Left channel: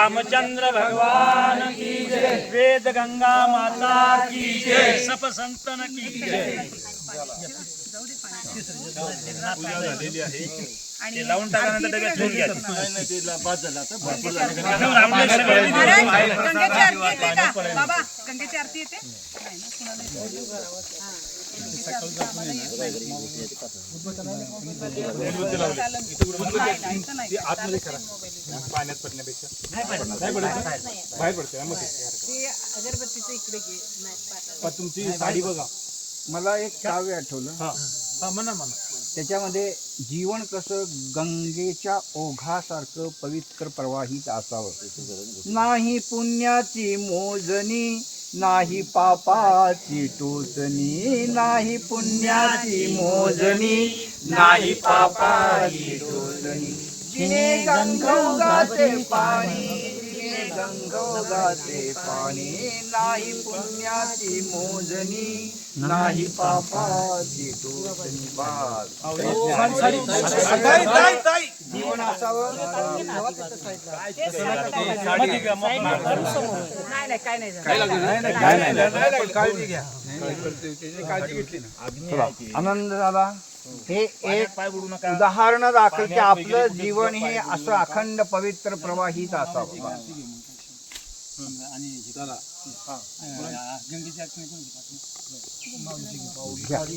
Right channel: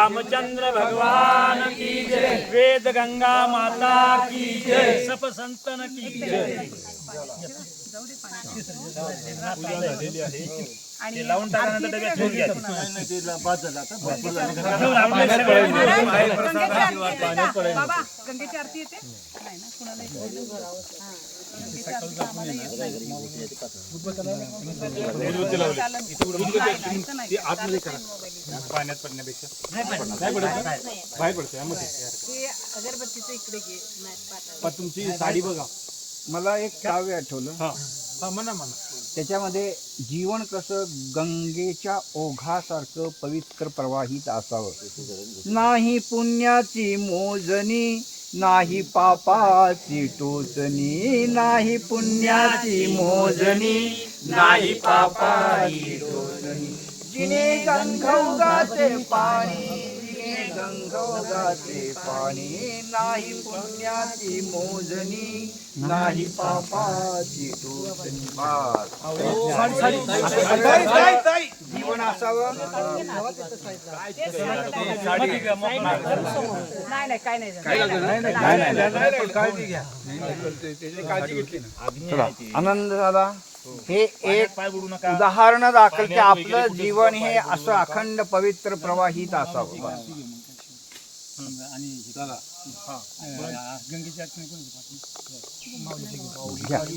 रामचंद्र भगवान की जय, वेद गंगा माता की जय, सप संतन की जय। आणि लावून टाकल्यानंतर डब्यात ठेवून घ्या। गंगेची आरती येते का बाबा? गंगेची आरती येते नाही ना कुणाला पाण्यात पडण्यापेक्षा अगरबत्तीचं इकडे घे तुमची साडी बघा. मला एक काव्य आठवलं. म्हणा म्हणा। त्याच्यामध्ये जीवन कसं गंगेच्या ओघासारखं पवित्र प्रवाहित असावं. नाही पुण्याची मोजणी, नाही पापाची टोचणी. नाही पुण्याची मोजणी, नाही पापाची टोचणी. जिने गंगोगाचे पाणी, जिने गंगोगाचे पाणी. नाही पुण्याची मोजणी, नाही पापाची टोचणी. जीवन असावं. नाही काय नाही आनंद दादा, हे एक उदाहरण दाखल की आपलं जीवन हे असं अखंड पवित्र प्रवाहित असावं.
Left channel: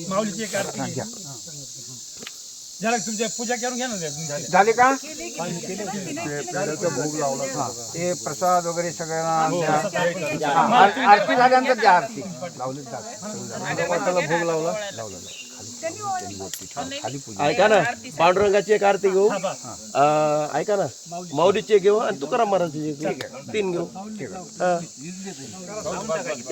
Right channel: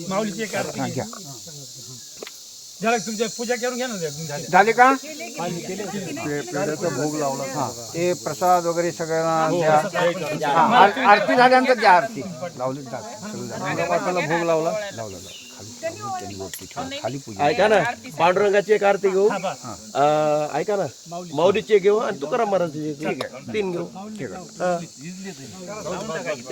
माऊलीची एक आरती घ्या। झालं तुमच्या पूजा करून घ्या ना। झाले का? ते प्रसाद वगैरे सगळ्यांना द्या. आरती झाल्यानंतर द्या. आरती लावली भोग लावला. ऐका ना, पांडुरंगाची एक आरती घेऊ. ऐका ना, माऊलीची घेऊ आणि तुकाराम महाराजांची घेऊ. 3 घेऊ.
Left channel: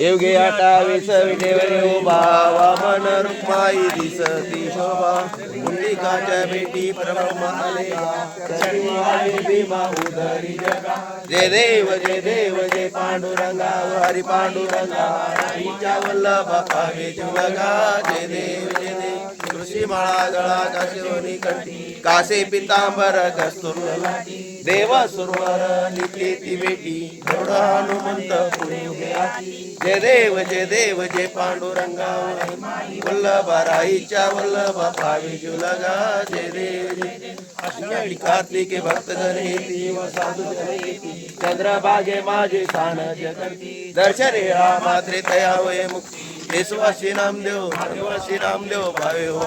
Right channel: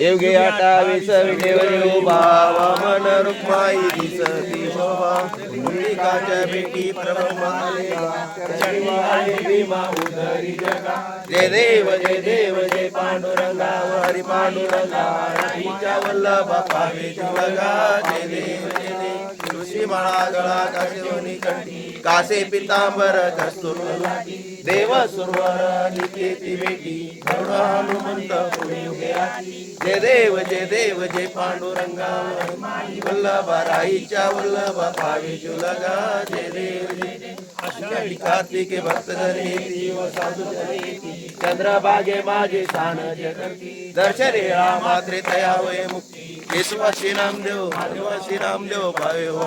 येव घे आटा विसर्गेव भावा मन रुक्माई दिसती शोभा. मुंडिकाच्या बेटी प्रभम आलेला चरणी आले भीमा उदरी जगा. जय देव जय देव जय पांडुरंगा हरी पांडुरंगा. आईच्या वल्लभा पावे तुलगा. जय देव जय देव. ऋषी माळा गळा काशिवनी कंठी. कासे पितांबर कस्तुरी लाटी. देव सुरवर निकेती बेटी. गरुड हनुमंत पुढे उभे आटी. जय देव जय देव जय पांडुरंगा हरी वल्लभा. राईच्या वल्लभा पावे तुलगा. जय देव जय देव. आषाढी कार्तिके भक्त जन व साधू जन. चंद्रभागे माझे शान जगती. दर्शन वेळा मात्रे तया होय मुक्ती. केशवा श्रीरामदेव माधवा श्रीरामदेव भावे हो.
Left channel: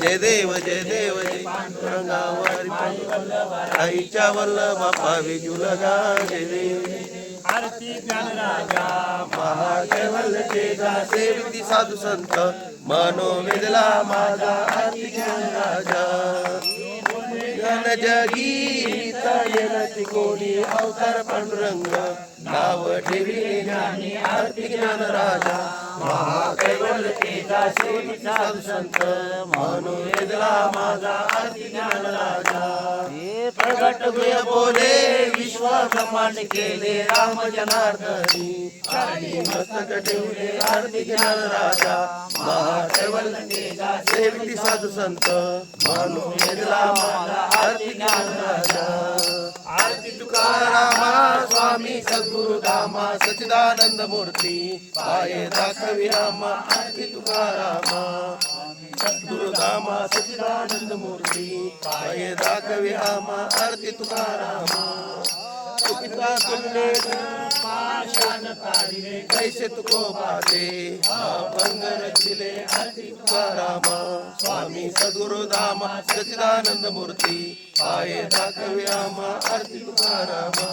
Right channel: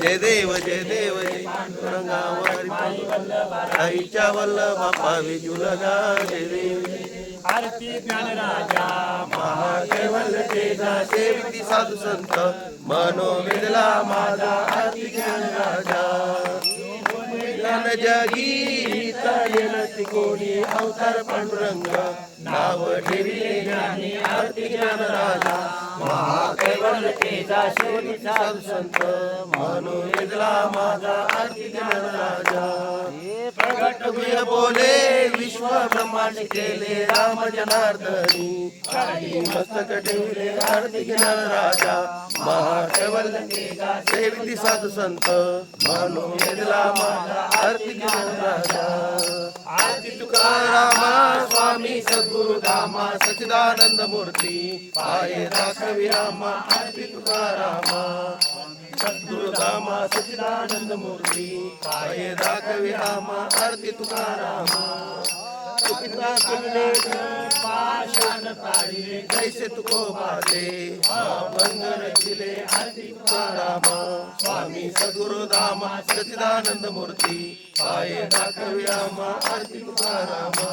जय देव जय देव जय पांडुरंगा हरी पांडुरंगा. राईच्या वल्लभा पावे तुलगा. जय देव जय देव. आरती ज्ञानराजा महाकेवल तेजा सेविती साधू संत. मनोवेदला माझा आरती ज्ञानराजा. ज्ञान जगी चालेल कोणी अवतार पांडुरंग. नाव ठेविले ज्ञानी आरती ज्ञानराजा. महाकेवल तेजा सेविती साधू संत. मनोवेदला माझा आरती ज्ञानराजा. प्रगट वेळ बोले विश्व ब्रह्मांड केले राम जनार्दनी. काळी मस्तक ठेवले आरती ज्ञानराजा. महाकेवल तेजा सेविती साधू संत. मनोवेदला माझा आरती ज्ञानराजा. आरती तुकारामा स्वामी सद्गुरु धामा सच्चिदानंद मूर्ती. पाये दाखवी रामा आरती तुकारामा. सद्गुरु धामा सच्चिदानंद मूर्ती. पाये दाखवी रामा आरती तुकारामा. तुका तुमने पाषाण काढले कैसे तुको पाते. भंग रचिले आरती तुकारामा. स्वामी सद्गुरु धामा सच्चिदानंद मूर्ती. पाये दाखवी रामा आरती तुकारामा.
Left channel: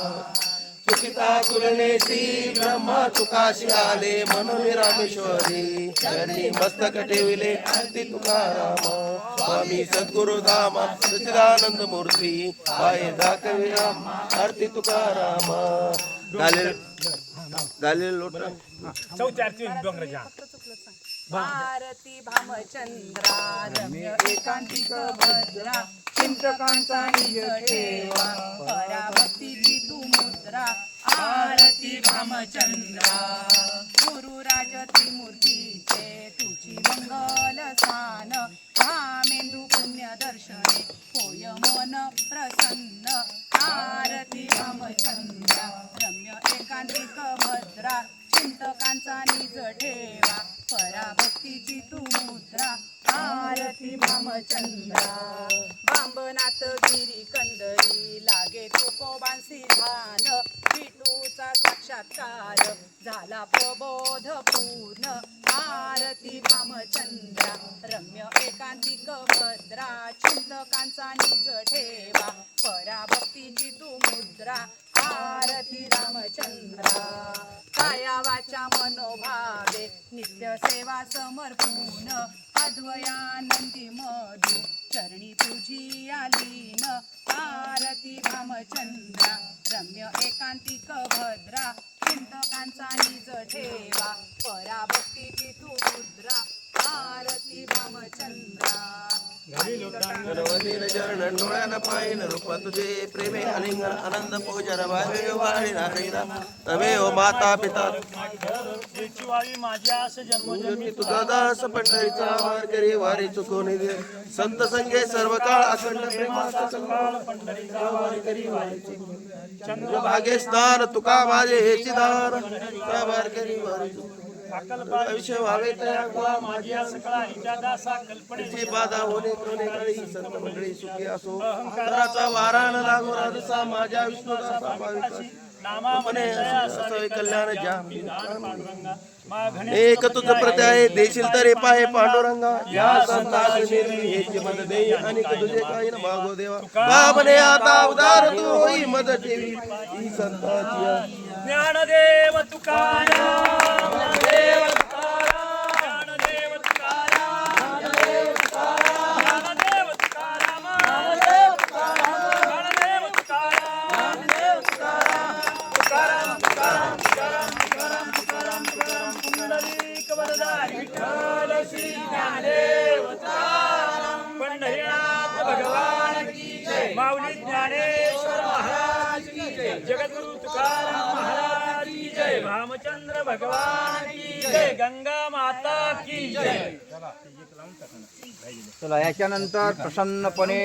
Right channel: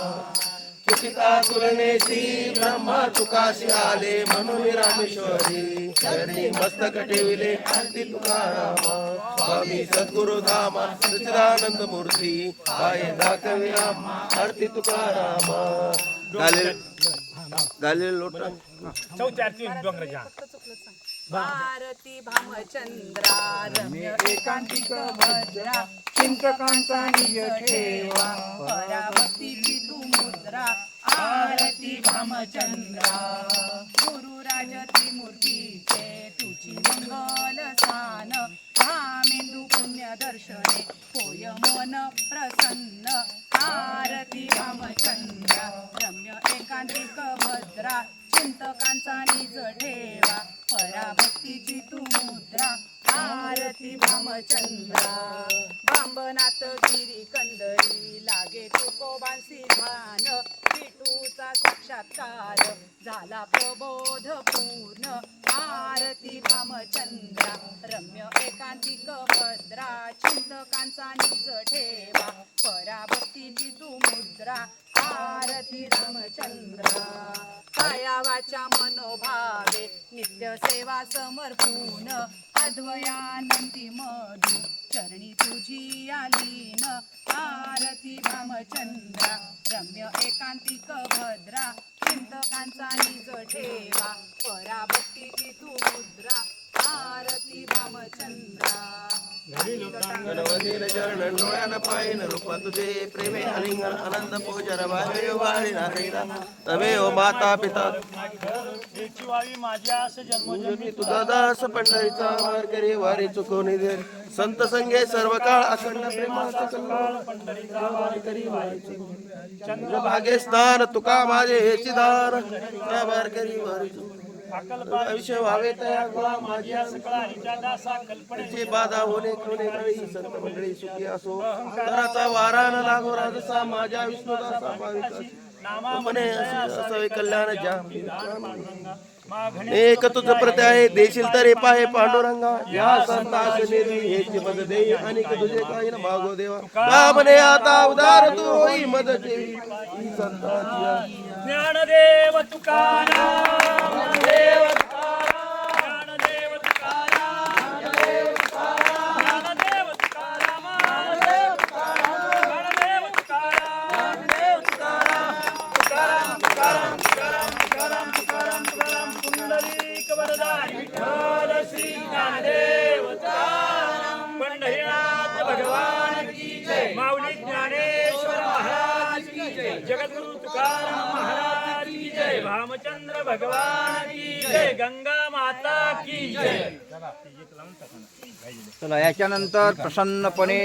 चुकिता तुलनेशी ब्रह्मा तुकाशी आले म्हणून रामेश्वरी. चरणी मस्तक ठेवले आरती तुकारामा. स्वामी सद्गुरु धामा सच्चिदानंद मूर्ती. पाये दाखवी रामा आरती तुकारामा. गालेल लोट. चौथी आरती डोंगराच्या. भारती भामचंद्रा रम्य एकांतिक भद्रा. चिंतकांचा निज ठेवा पराभक्तीची तू मुद्रा. आरती भामचंद्रा. गुरुराज त्रिमूर्तीचे तुझी मंगल स्थान. भामेंदू पुण्य दर्शने होय मन प्रसन्न. आरती भामचंद्रा. ठेवा पराभक्तीची तू मुद्रा आरती भामचंद्रा बांबनाथ गिरी कंदरी लागे तुकोबांसी ध्यान विठूचा साक्षात्कार झाला प्रबोध पूर्ण आरती भामचंद्रा रम्य एकांतिक भद्रा चिंतकांचा निज ठेवा पराभक्तीची तू मुद्रा आरती रामचंद्रा काया वाचा मनोभावे नित्य सेवा समर्पून अद्वयानंदी मधु चरणी तुझी आलीन आरती रामचंद्रा रम्य एकांतिक भद्रा चिंतकांचा निज ठेवा पराभक्तीची तू मुद्रा आरती रामचंद्रा गणपतीला चरण डोळ्याला पायन रूप तुझे प्रेमे अलिंगन आनंद पूजन भावे वाळी नारीला तवे ओ माता पिता याची व्हावी माझ्यास जन्मजन्मी पूजनी तुझा दास पंढरीचा मार करी वारी चुकवणी दे संत संगे सर्व काळ अखंड प्रेमाचा कल्लोळ करी वारी भागे स्नान तुका माझे हेची दान बार करी वारी आयुष्य व्हावे तया गोळा माझ्या सकळा हिच्या दासा कल्पनेची तिची बाधा होणे कोणे काळी संत मंडळी सुखी असो घराचा वारा न लागो राजसा माझ्या विष्णुदासा भाविका मने असावे कल्याण जाम एक तुझ प्रत्याय देशील तरी पाहे पांडुरंगा या संतास निधी हेची मद देई आणि तुझे काही न मागो देवा का म्हणे आता उदार तू होई मद ठेवी ही संताची ज्ञानदेव तुकाराम ज्ञानदेव तुकाराम ज्ञानदेव तुकाराम ज्ञानदेव तुकाराम ज्ञानदेव तुकाराम ज्ञानदेव तुकाराम ज्ञानदेव तुकाराम तुकाराम तुकाराम तुकाराम तुकाराम पुंडलिक वरदान विठ्ठल श्री ज्ञानदेव तुकाराम पंढरीनाथ भगवान की जय माऊली ज्ञानेश्वर महाराज की जय जगद्गुरु तुकाराम महाराज की जय रामचंद्र भगवान की जय गंगा माता की जय चला याच्यानंतर प्रसन्नपणे